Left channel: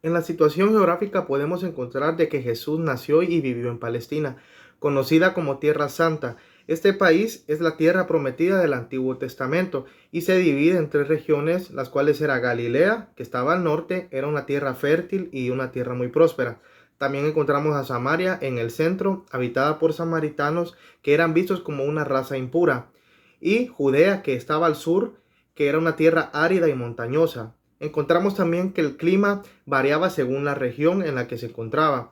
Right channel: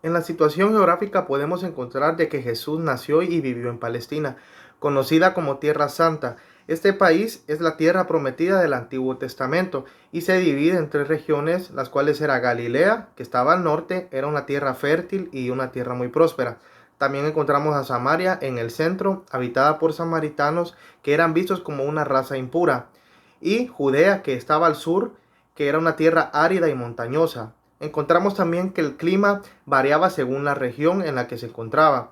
En la situación geográfica podemos encontrar de que Jesús nació y vivió en Palestina, conocida como Tierra Santa. Este país es la tierra prometida del Antiguo Testamento y se divide en tres regiones, las cuales era Galilea, que estaba al norte, era una tierra fértil y una tierra muy próspera. También encontramos a Samaria en el centro, habitada por samaritanos que eran vistos como una raza impura, y Judea, que estaba al sur, que era una tierra árida y montañosa. Encontramos también que el clima variaba según la región en la que se encontraba,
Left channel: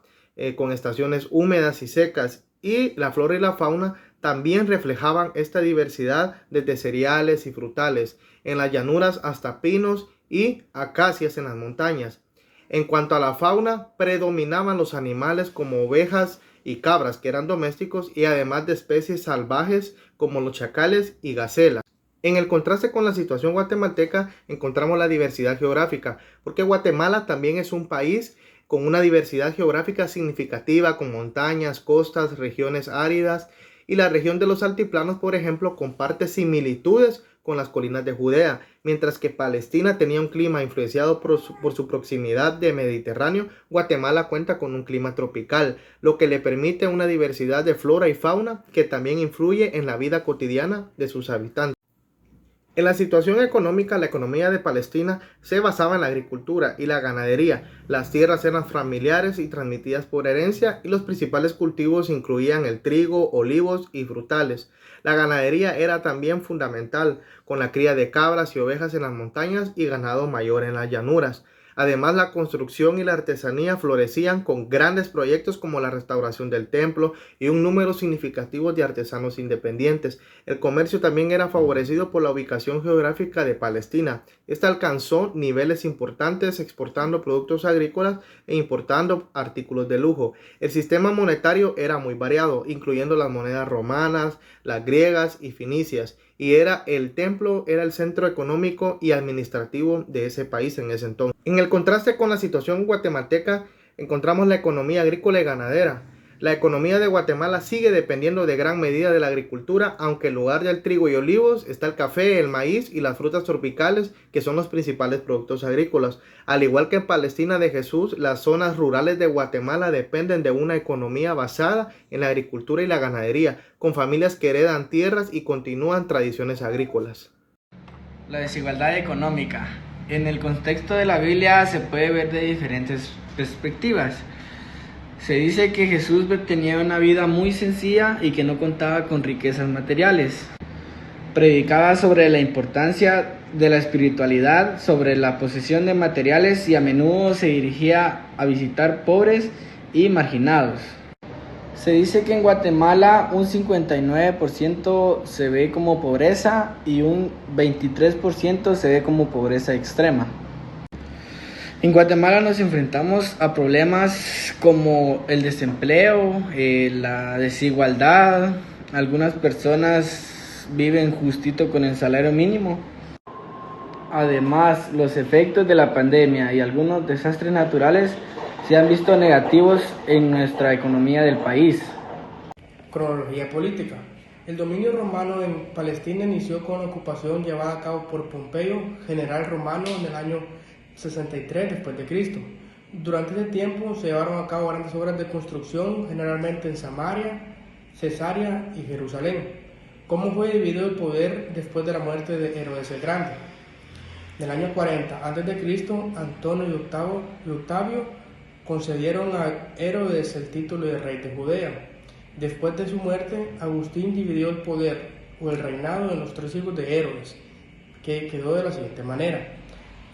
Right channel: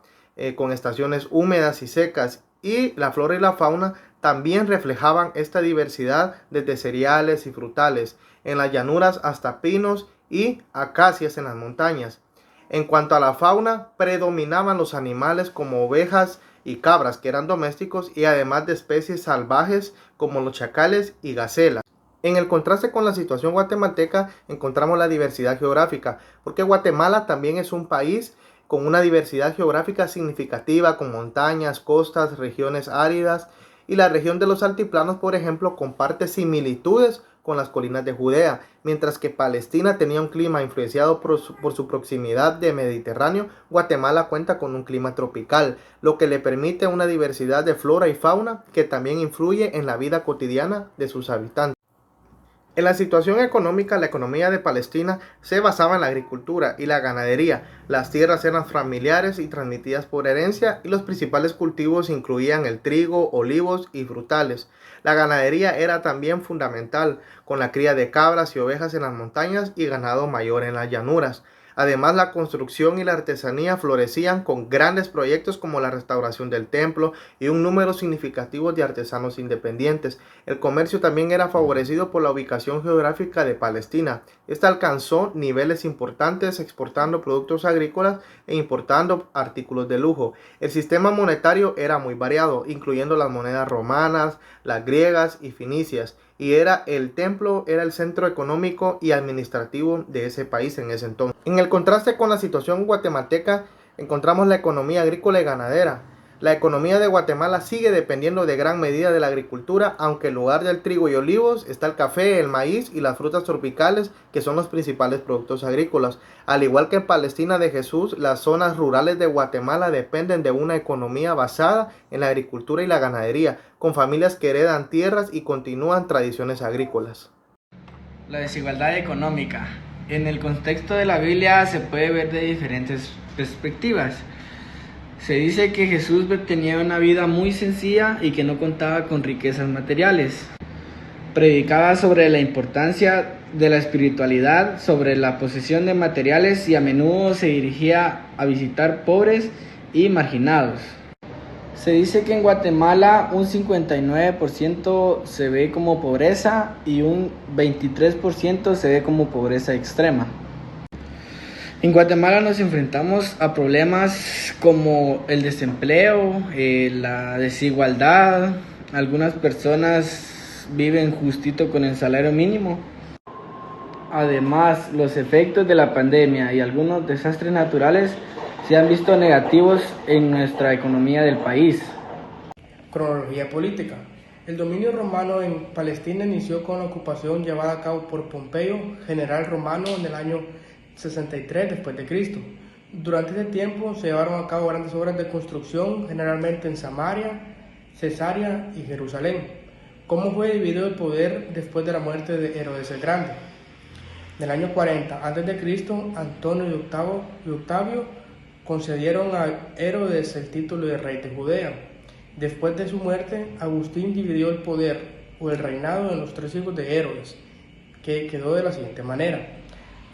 con estaciones húmedas y secas, y la flora y la fauna también reflejaban esta diversidad desde cereales y frutales, en las llanuras hasta pinos y acacias en las montañas. En cuanto a la fauna, predominaban los animales como ovejas y cabras, que eran domésticos, y además de especies salvajes como los chacales y gacelas. En el contraste con la situación guatemalteca encontramos la diversidad geográfica, porque Guatemala también es un país con una diversidad geográfica significativa, con montañas, costas, regiones áridas, y la región de los altiplanos, por ejemplo, comparte similitudes con las colinas de Judea, mientras que Palestina tenía un clima influenciado por su proximidad de Mediterráneo. Guatemala cuenta con un clima tropical, lo que le permite una diversidad de flora y fauna que también influye en la vida cotidiana de sus habitantes. En la situación económica, la economía de Palestina se basaba en la agricultura y la ganadería. Las tierras eran familiares y transmitidas por herencia, y los principales cultivos incluían el trigo, olivos y frutales. La ganadería era también fundamental, con la cría de cabras y ovejas en las montañas y ganado mayor en las llanuras. Además, la construcción y la artesanía florecían con grandes proyectos como la restauración del templo y un número significativo de artesanos independientes. El comercio también era favorecido por la ubicación geográfica de Palestina. Esta alcanzó niveles importantes exportando productos agrícolas e importando artículos de lujo. El sistema monetario era muy variado, incluyendo las monedas romanas, las griegas y finicias, y el templo era el centro económico y administrativo de ese país en ese entonces. En el contraste con la situación guatemalteca encontramos la economía agrícola y ganadera. La economía de Guatemala sigue dependiendo de gran medida de la agricultura, aunque en lugar del trigo y olivos está el café, el maíz y las frutas tropicales, que son los principales productos agrícolas. Al igual que en Palestina de Jesús, las zonas rurales de Guatemala dependen de una economía basada en la agricultura y la ganadería, con familias que heredan tierras y continúan tradiciones agrícolas. La desigualdad económica. En el contexto de la Biblia se puede ver de diferentes perspectivas. Se dice que Jesús tenía una vida muy sencilla y que no contaba con riquezas materiales. Predicaba sobre la importancia de la espiritualidad, sobre la posesión de materiales, y a menudo se dirigía a visitar pobres y marginados. Se dice que en Guatemala un 59% se ve como pobreza y un 23% se ve como pobreza extrema. En Guatemala nos enfrentamos a problemas como el desempleo, la desigualdad. Algunas personas viven justito con el salario mínimo. Además, los efectos de la pandemia y algunos desastres naturales se han visto negativos en nuestra economía del país. Cronología política. El dominio romano en Palestina inició con la ocupación llevada a cabo por Pompeyo, general romano, en el año 63 después de Cristo. Durante ese tiempo se llevaron a cabo grandes obras de construcción, generalmente en Samaria, Cesarea y Jerusalén. ¿Cómo fue dividido el poder después de la muerte de Herodes el Grande? En el año 40 a.C., Antonio y Octavio concedieron a Herodes el título de rey de Judea. Después de su muerte, Agustín dividió el poder o el reinado en los tres hijos de Herodes, que quedó de la siguiente manera:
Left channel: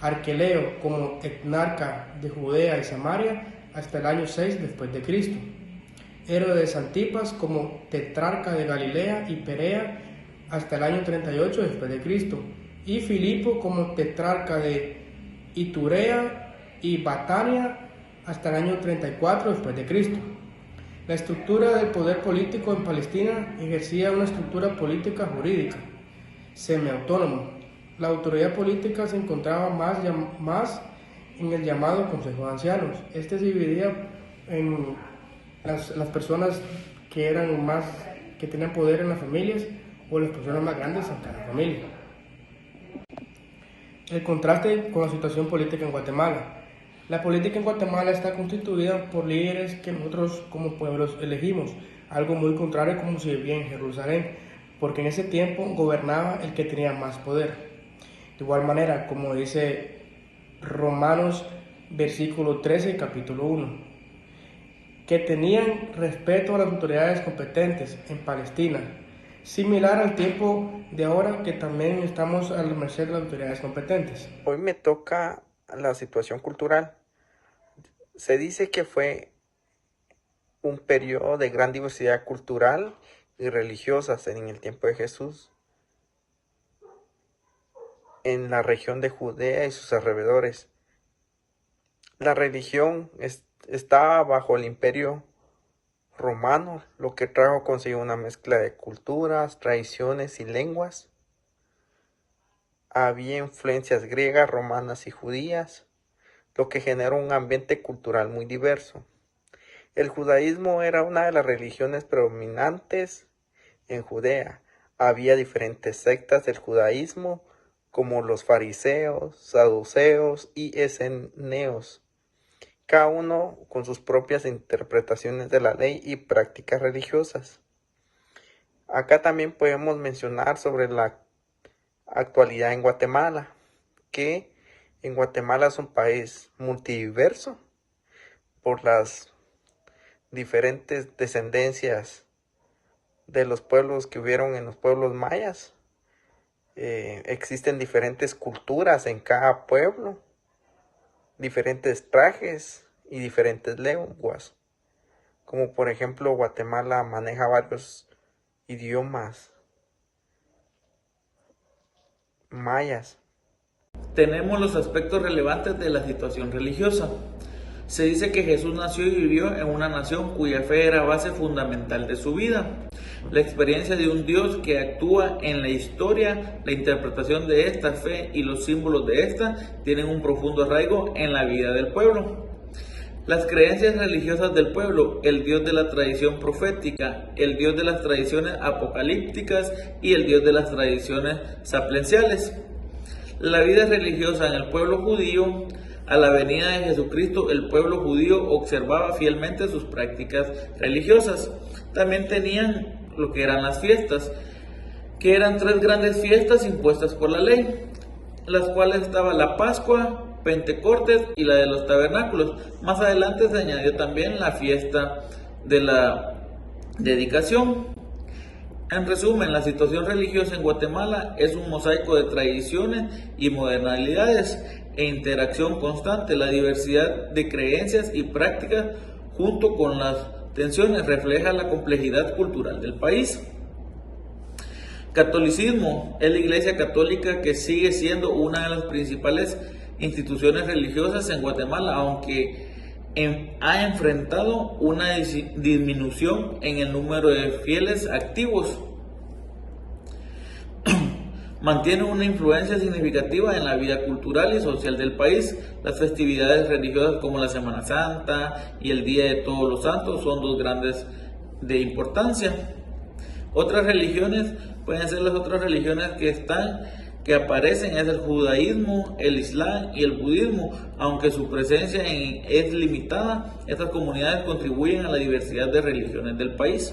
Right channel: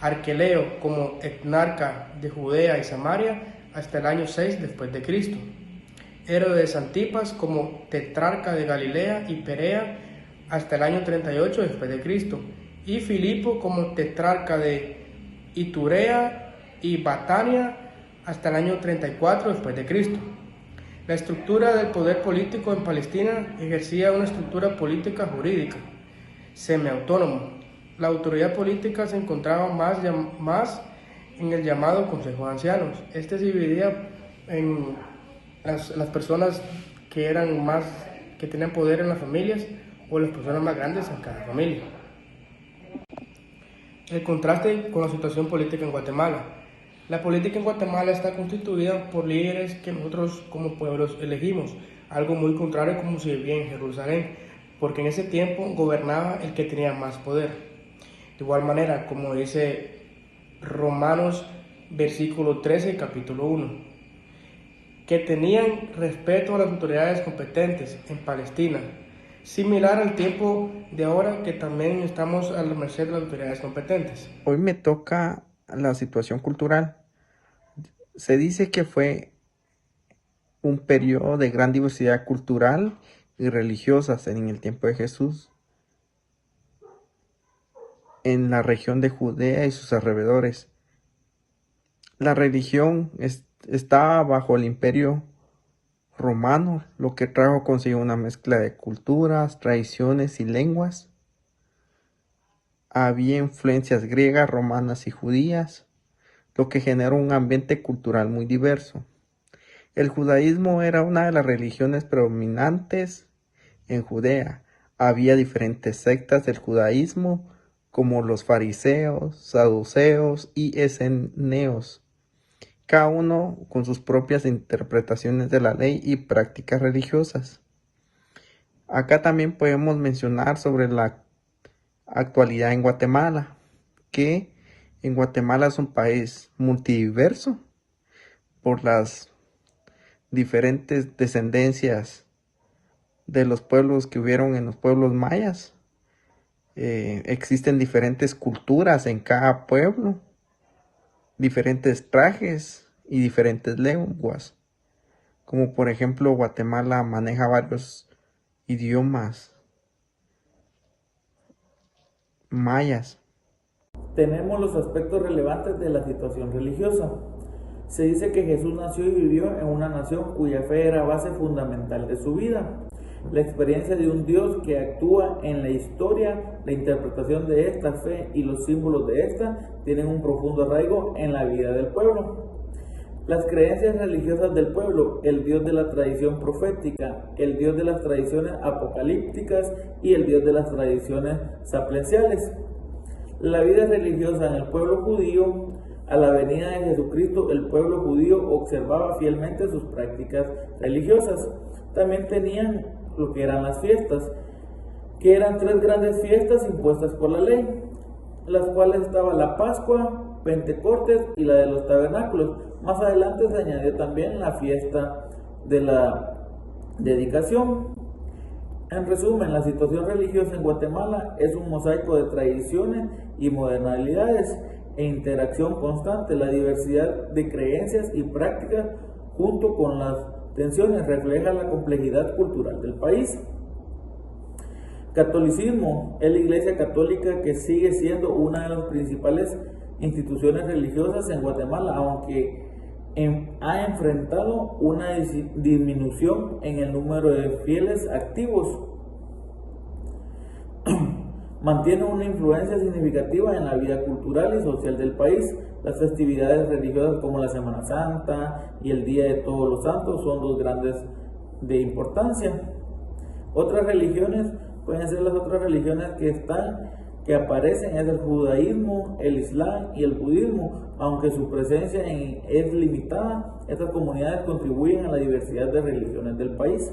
Arqueleo como etnarca de Judea y Samaria hasta el año 6 después de Cristo, Herodes Antipas como tetrarca de Galilea y Perea hasta el año 38 después de Cristo, y Filipo como tetrarca de Iturea y Batania hasta el año 34 después de Cristo. La estructura del poder político en Palestina ejercía una estructura política jurídica semiautónoma. La autoridad política se encontraba más en el llamado Consejo de Ancianos. Este se dividía en las personas que tenían poder en las familias, o las personas más grandes en cada familia. El contraste con la situación política en Guatemala. La política en Guatemala está constituida por líderes que nosotros como pueblos elegimos, algo muy contrario como se vivía en Jerusalén, porque en ese tiempo gobernaba el que tenía más poder. De igual manera, como dice Romanos versículo 13, capítulo 1, que tenían respeto a las autoridades competentes en Palestina, similar al tiempo de ahora que también estamos a la merced de las autoridades competentes. Hoy me toca la situación cultural. Se dice que fue un periodo de gran diversidad cultural y religiosa en el tiempo de Jesús en la región de Judea y sus alrededores. La religión estaba bajo el imperio romano, lo que trajo consigo una mezcla de culturas, tradiciones y lenguas. Había influencias griegas, romanas y judías, lo que generó un ambiente cultural muy diverso. El judaísmo era una de las religiones predominantes en Judea. Había diferentes sectas del judaísmo, como los fariseos, saduceos y esenios, cada uno con sus propias interpretaciones de la ley y prácticas religiosas. Acá también podemos mencionar sobre la actualidad en Guatemala, que en Guatemala es un país multidiverso por las diferentes descendencias de los pueblos que hubieron en los pueblos mayas. Existen diferentes culturas en cada pueblo, diferentes trajes y diferentes lenguas, como por ejemplo Guatemala maneja varios idiomas mayas. Tenemos los aspectos relevantes de la situación religiosa. Se dice que Jesús nació y vivió en una nación cuya fe era base fundamental de su vida. La experiencia de un Dios que actúa en la historia, la interpretación de esta fe y los símbolos de esta tienen un profundo arraigo en la vida del pueblo. Las creencias religiosas del pueblo, el Dios de la tradición profética, el Dios de las tradiciones apocalípticas y el Dios de las tradiciones sapienciales. La vida religiosa en el pueblo judío. A la venida de Jesucristo, el pueblo judío observaba fielmente sus prácticas religiosas. También tenían lo que eran las fiestas, que eran 3 grandes fiestas impuestas por la ley, las cuales estaba la Pascua, Pentecostés y la de los tabernáculos. Más adelante se añadió también la fiesta de la dedicación. En resumen, la situación religiosa en Guatemala es un mosaico de tradiciones y modernidades e interacción constante. La diversidad de creencias y prácticas junto con las tensiones refleja la complejidad cultural del país. Catolicismo es la Iglesia Católica que sigue siendo una de las principales instituciones religiosas en Guatemala, aunque ha enfrentado una disminución en el número de fieles activos. Mantiene una influencia significativa en la vida cultural y social del país. Las festividades religiosas como la Semana Santa y el Día de Todos los Santos son 2 grandes de importancia. Otras religiones pueden ser las otras religiones que aparecen, es el judaísmo, el islam y el budismo. Aunque su presencia es limitada, estas comunidades contribuyen a la diversidad de religiones del país.